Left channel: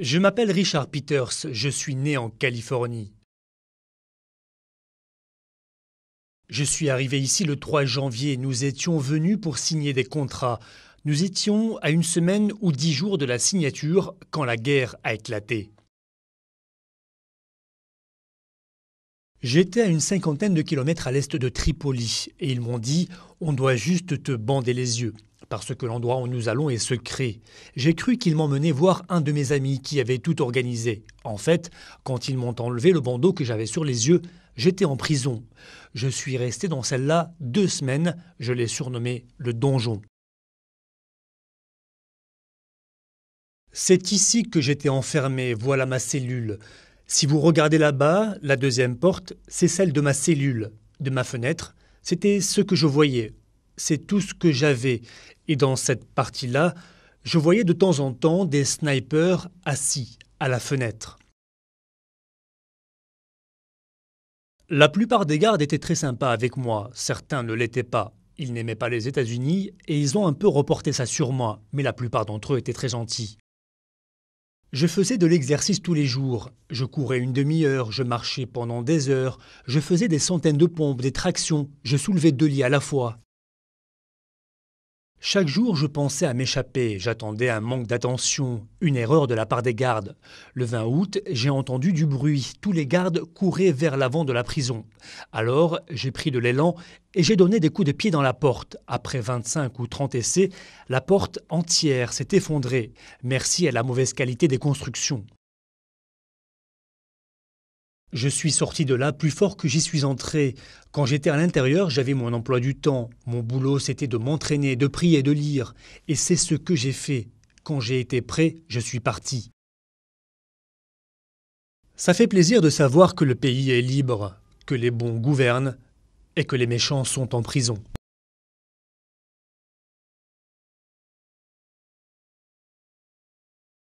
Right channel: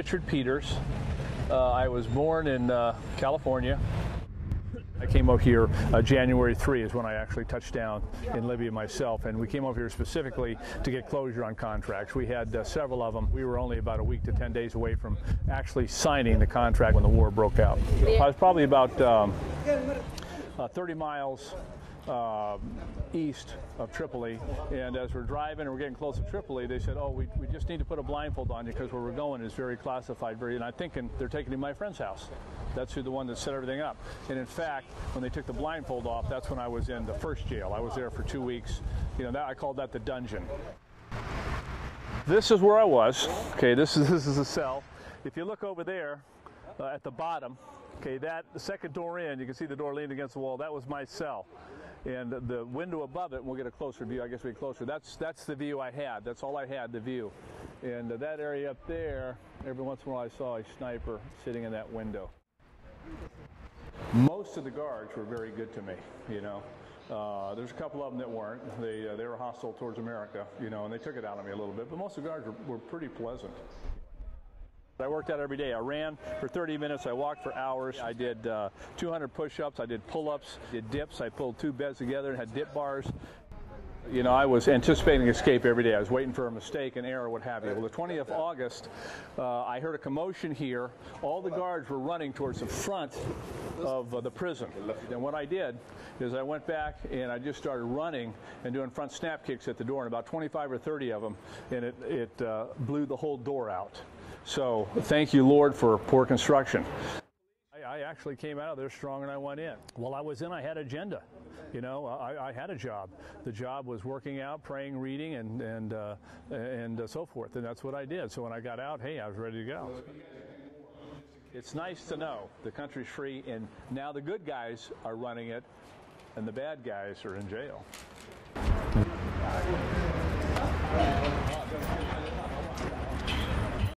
Je m'appelle Richard Peters, je suis né en Californie. Je suis arrivé ici le 3 janvier. Nous étions venus pour signer des contrats. Nous étions à une semaine ou 10 jours de la signature quand la guerre a éclaté. J'étais à une cinquantaine de kilomètres à l'est de Tripoli et ils m'ont dit « On doit juste te bander les yeux parce que l'endroit où nous allons est secret ». J'ai cru qu'ils m'emmenaient voir un de mes amis qui avait tout organisé. En fait, quand ils m'ont enlevé le bandeau que j'avais sur les yeux, j'étais en prison. Je suis resté dans celle-là 2 semaines. Je l'ai surnommé le donjon. C'est ici que j'étais enfermé. Voilà ma cellule. Si vous regardez là-bas, la deuxième porte, c'est celle de ma cellule, de ma fenêtre. C'était ce que je voyais. C'est tout ce que j'avais. Et dans cette partie-là, je voyais de temps en temps des snipers assis à la fenêtre. La plupart des gardes étaient très sympas avec moi, certains ne l'étaient pas. Ils n'aimaient pas les États-Unis et ils ont un peu reporté ça sur moi, mais la plupart d'entre eux étaient très gentils. Je faisais de l'exercice tous les jours. Je courais une demi-heure, je marchais pendant des heures, je faisais des centaines de pompes, des tractions, je soulevais 2 lits à la fois. Chaque jour, je pensais à m'échapper. J'attendais un manque d'attention, une erreur de la part des gardes. Le 20 août, j'ai entendu du bruit. Tous les gardes couraient vers l'avant de la prison. Alors, j'ai pris de l'élan et j'ai donné des coups de pied dans la porte. Après 25 ou 30 essais, la porte entière s'est effondrée. Merci à la mauvaise qualité des constructions. Je suis sorti de là plus fort que j'y suis entré. Quand j'étais à l'intérieur, j'avais mon emploi du temps. Mon boulot, c'était de m'entraîner, de prier, de lire. Et c'est ce que j'ai fait. Quand j'ai été prêt, je suis parti. Ça fait plaisir de savoir que le pays est libre, que les bons gouvernent et que les méchants sont en prison.